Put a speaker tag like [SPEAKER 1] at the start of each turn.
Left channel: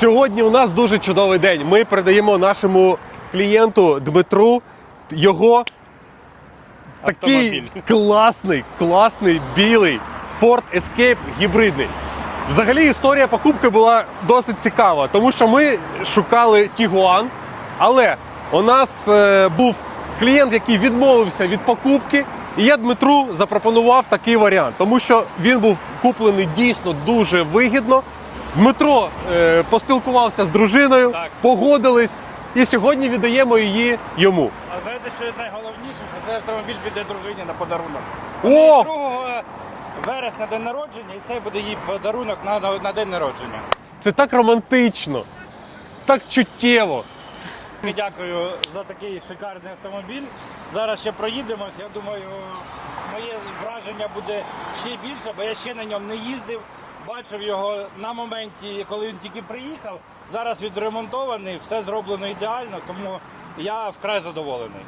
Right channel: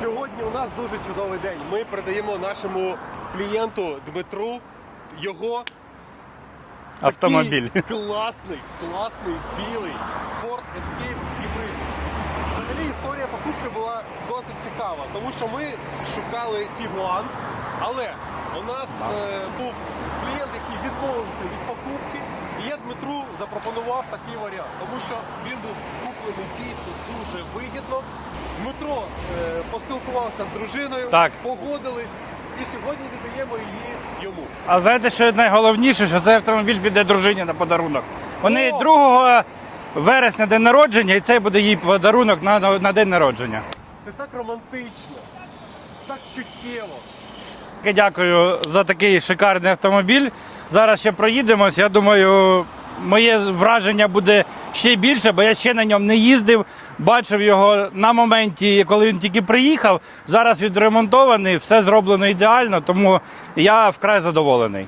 [SPEAKER 1] Сьогодні у нас дуже чудовий день. Ми передаємо нашому клієнту Дмитру його
[SPEAKER 2] Автомобіль.
[SPEAKER 1] такий класний, класний білий Ford Escape гібридний. Взагалі історія покупки була досить цікава, тому що ми шукали Tiguan, але у нас е, був клієнт, який відмовився від покупки, і я Дмитру запропонував такий варіант, тому що він був куплений дійсно дуже вигідно. Дмитро е, поспілкувався з дружиною,
[SPEAKER 2] Так.
[SPEAKER 1] погодились, і сьогодні віддаємо її йому.
[SPEAKER 2] А знаєте, що найголовніше, що цей автомобіль піде дружині на подарунок. Вони
[SPEAKER 1] О!
[SPEAKER 2] 2 вересня день народження, і це буде їй подарунок на, на, на день народження.
[SPEAKER 1] Це так романтично, так чуттєво.
[SPEAKER 2] І Дякую за такий шикарний автомобіль. Зараз ще проїдемось. Я думаю, моє враження буде ще більше, бо я ще на ньому не їздив. Бачив його на моменті, коли він тільки приїхав. Зараз відремонтований, все зроблено ідеально, тому я вкрай задоволений.